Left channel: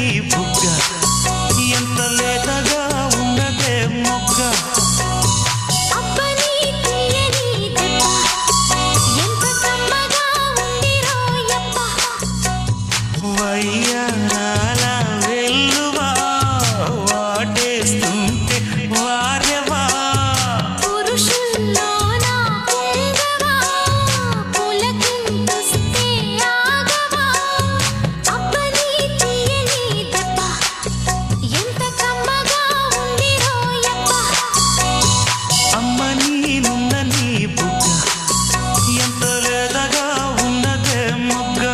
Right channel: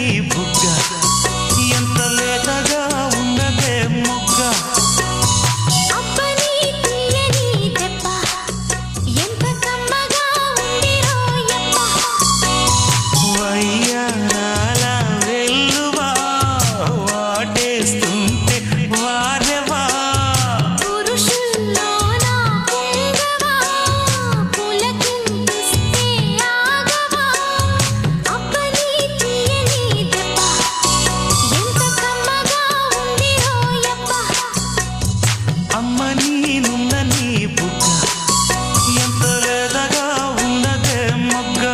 నీ బుగ్గ ఎంత లేతగా ఉన్నదే మొగ్గ వయ్యారాల వెల్లువా వాటేస్తుంటే వారెవా పురుషుల్లోనా పొంగవా పులకింతుస్తే ఆగవా అబ్బని తీయని దెబ్బ ఎంత కమ్మగా ఉంది రోయప్ప అమ్మ నీనున్న నీ బుగ్గ ఎంత లేదగా ఉన్నదే మొగ్గ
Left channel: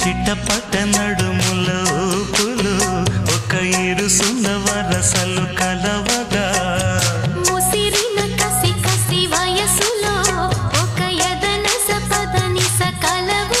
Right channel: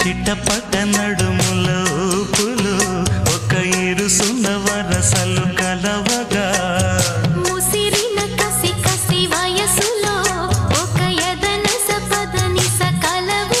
చిట్టపట్ట నడుముల ఊపులు ఒక ఇరుసున్న వరసలు కలవగా ముసిరిన కసి కసి వయసులో ఒక యదనస పదని సకలవు